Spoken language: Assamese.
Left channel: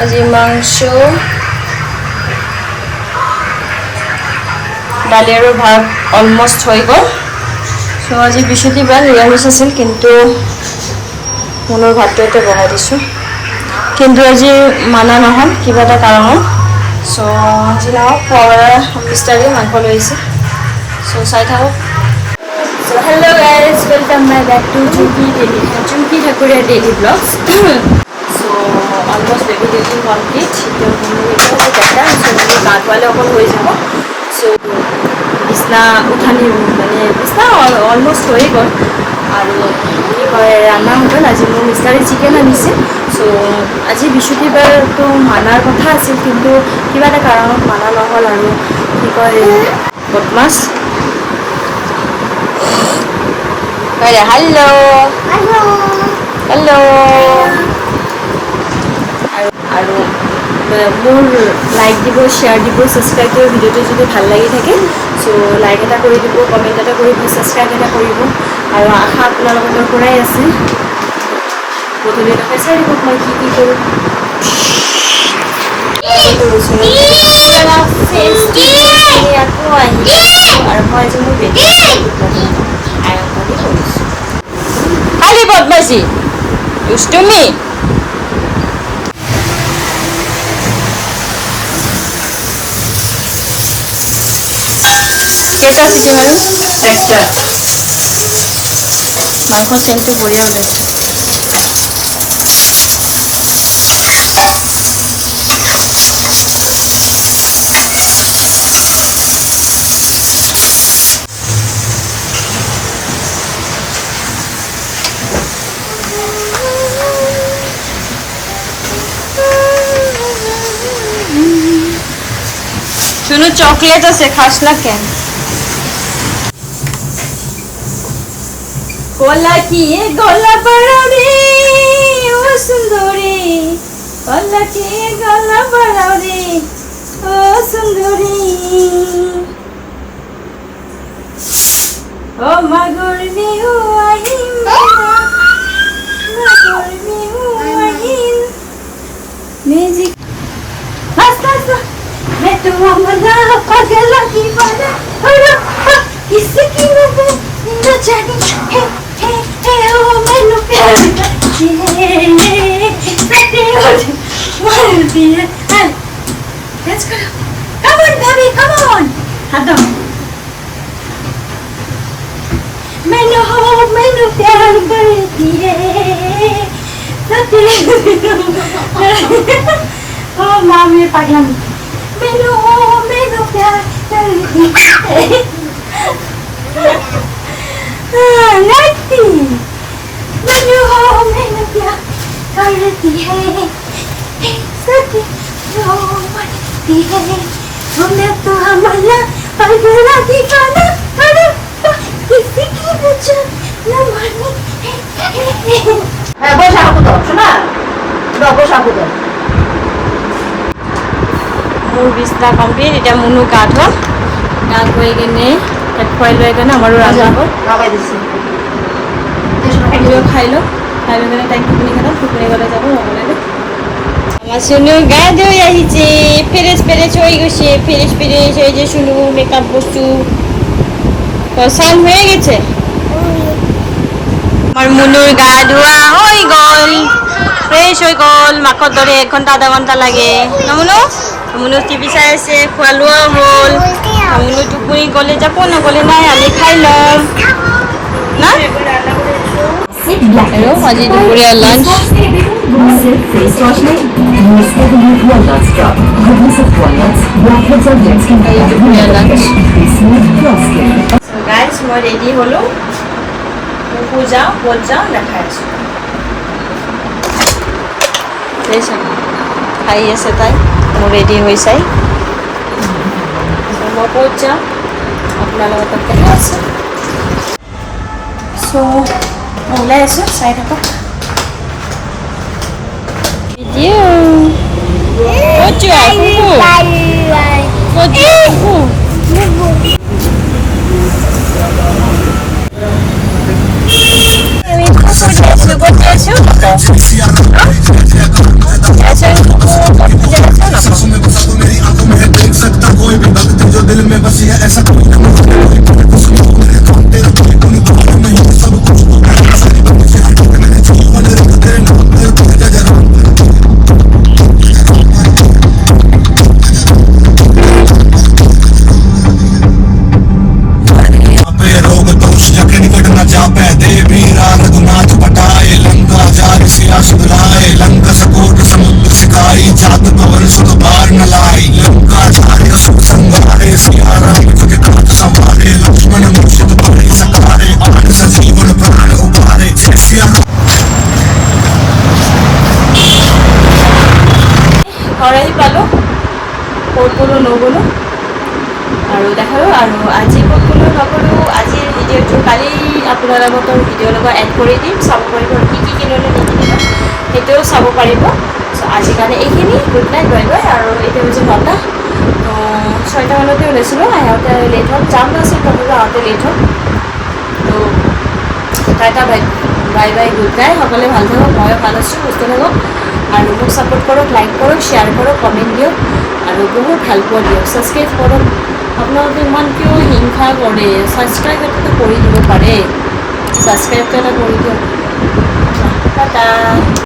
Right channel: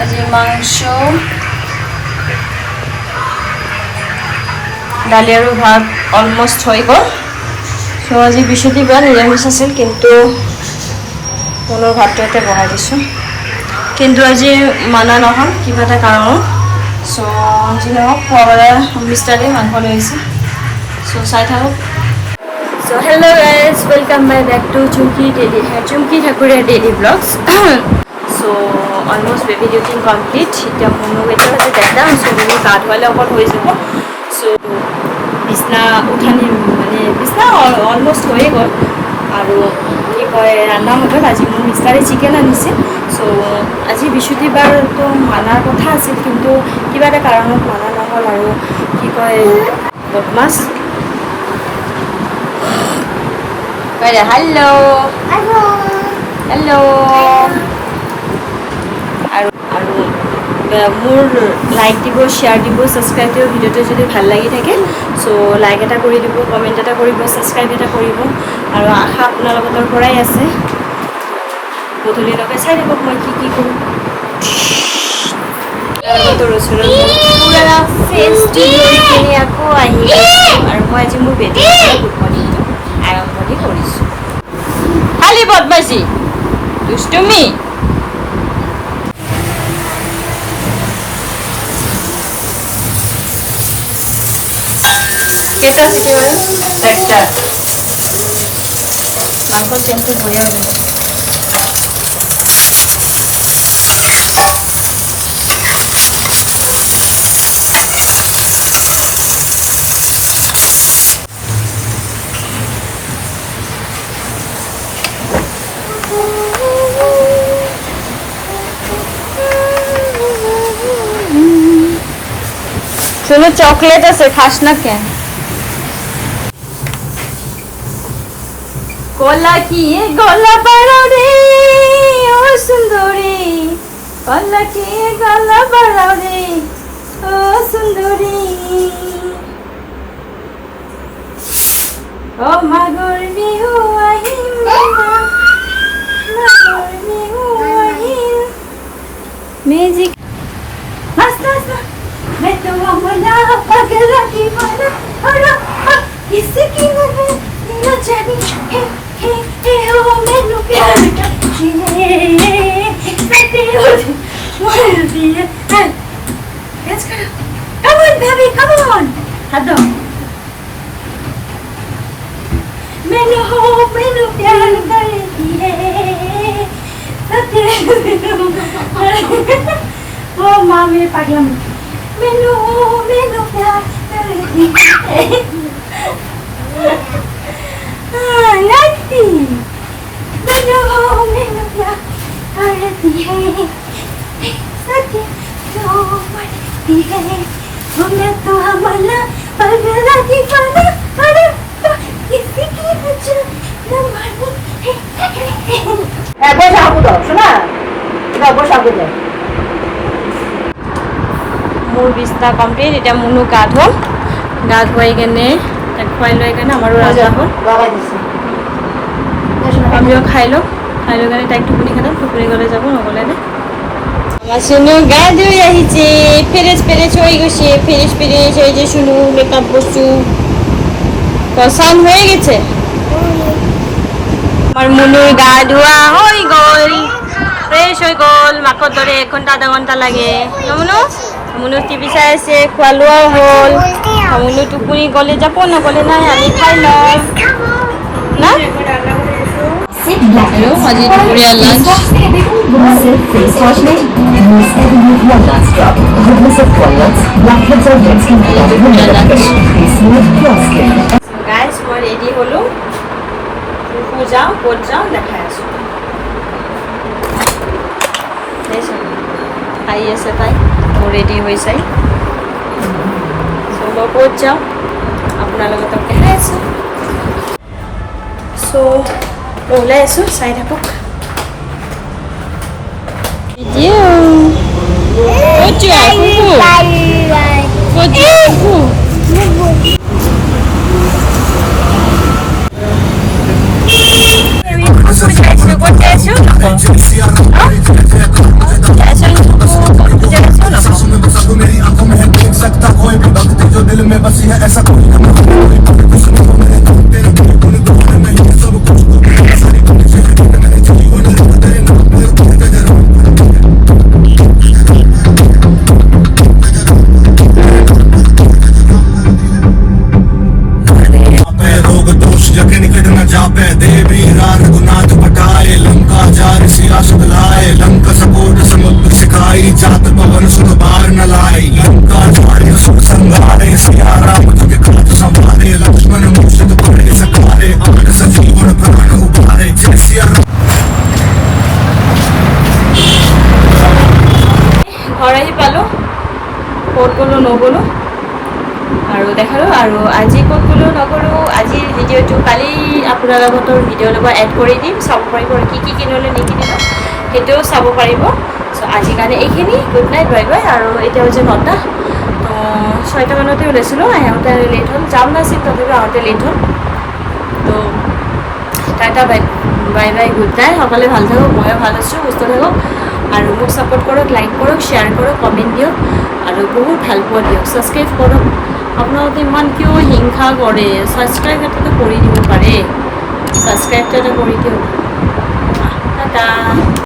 আজি মাংস দালি আৰু ভাত অলমষ্ট হৈ গ'ল চ' আজি বৃহস্পতিবাৰ নিৰামিষ আছিল কিন্তু মনৰ ভাতটো ইয়াতে বহাই দিছোঁ কিন্তু আজি মানা নহ'ল কিবা এটা কাৰণত চ' আজি নহওক পুৱাবেলা মিষ্টাৰে মাংস লৈ আহিছে চ' চাই থাকক so' hello' guys welcome by back to Chumki Thakuria daily vlogs so' almost baby duty complete এতিয়া মোৰ এতিয়া হৈছে ডেটা চ' মোৰ গা ধুৱালে অকল হৈ যাব চ' বিছনা উঠানি মানে বিছনা অলমষ্ট হৈয়ে গ'ল আৰু কি কয় ৰান্ধা হৈ গ'ল আজি মোৰ মিষ্টাৰে চিকেন আনিছে চ' আজি বৃহস্পতিবাৰটো মানাৰ কথা আছিল কিন্তু কিবা এটা কাৰণত মানা নহ'ল আৰু কি কয় বদমাছ হেল্ল' হেল্ল' আৰু মোৰ লাইক দিব শ্বেয়াৰ দিব ছাবস্ক্ৰাইব দিব ভিডিঅ'টো যদি ভাল লাগি থাকে চ' লাইক এটা কৰি দিব কমেণ্ট এটা কৰিব ছাবস্ক্ৰাইব এটা কৰিব আৰু আশা আপোনালোকৰ পৰাই আছে গধূলিলৈকে চাই দিব মই কি কৰোঁ পুৰা ফেচটো লৈ কিনে আকৌ আহি গৈছোঁ আৰু মই আজি মোৰ বেটী গুড মৰ্ণিং আৰম্ভণি কৰিছোঁ খালি বদমাইছি দুষ্টুমি কেইটা চিটি মাৰিম একটা মাংস চেনটো বঢ়িয়া ওলাইছে শুনো চকলেট আছে খাস না কেন কলা কি গলা বড়া রে ও সুন্দরী কলা কি গলা বড়া রে ও সুন্দরী ও মাগর বিহু আহিম মাগর বিহু আহিম মিউজিক নাচ নাচ मैं तो मना पगला दीवाना किसकी मना न जानी हे ओ मैनू प्यार करती सते मर दिए let's go come on baby come on हाथ दो मैनू प्यार करती सते ओ मामी पागलामी मैनू प्यार करती लगती मैनू प्यार करती है सत्य मरती है मैं तो हमारा पगला दीवाना किसी की वजह न मानी बस आपको दो सुना बस आपको दो মোৰ বিছনা কমপ্লিট এতিয়া মুনু গা ধুৱাম গা ধুৱাই কেনে তাক খুৱাই লৈ কেনে আমাৰো ৰাজা হ'ল লগাই দিছে আমিও খাই লৈ কেনে তাইক টোপনি গ'লে যাব নগ'লে আমাৰ চুনু গা ধুই আহিছে ফ্ৰেছ হৈ গৈছে ফ্ৰেছ হৈ যে চুনু মেকআপ বস্তু পছন্দ হয়ে গেছে আমাৰ মুনুৰ গা ধোয়া হয়ে গল ফ্ৰেশ হয়ে গল মাকৰ দৰে 1 ঘণ্টা আধা ঘণ্টা লাগে ন মুনু মুনু টিভি চাই আছে খোৱা লোৱাও হ'ল মুনু টোপনি গ'লে যাব নগ'লে নাই আমি খাই ল'ম না আৰু আজি দুপৰীয়া লাঞ্চ গাইজ মই ৰেডি হ'লোঁ যাওঁ ক'ত যাওঁ দেখাই আছোঁ খাই আছে তাই মোৰ ৰেডি হৈ চাই মই ক'ত যাওঁ আপোনাৰ লগত দেখাই আছোঁ চ' মই ওলাই আছোঁ চাই থাকক ক'ত যোৱা ক'ত যোৱা ঘৰ আহি পালোঁ, ক'ত গ'লোঁ নগ'লোঁ আৰু দেখালোঁ। আৰু আজি ক'ত গ'লোঁ নগ'লোঁ, আজিৰ ভিডিঅ'টো কালি আপোনালোকৰ ভিডিঅ'ৰ লগত এড কৰি দিম, চাব পাৰিব কি কি কিনিলোঁ নিকিনিলোঁ সেইটোও চাব পাৰিব। চ' আজিৰ কাৰণে এইখিনি, গুড নাইট, বাই বাই। আৰু এতিয়া হৈছে 9টা, তো 6টা মানতে ওলাইছিলোঁ, আহোঁতে লেট হ'ল, যাম নাছিল তথাপিও আহোঁতে লেট হ'ল। তো Tata, bye bye, good night. সকলোৱে ভাল থাকক, ময়ো ভাল আছোঁ, সুস্থ থাকক আৰু মোক ছাপোৰ্ট কৰক, লাইক কৰক, শ্বেয়াৰ কৰক, কমেণ্ট দিয়ক আৰু বহুত হেল্প দিয়ক, ছাবস্ক্ৰাইব কৰক। আপোনালোকে ইমান কিয় হিংসা কৰে? ছাবস্ক্ৰাইব এটা কৰি দিব পাৰে, ছাবস্ক্ৰাইবটো এটা কৰি দিয়ক। টাটা।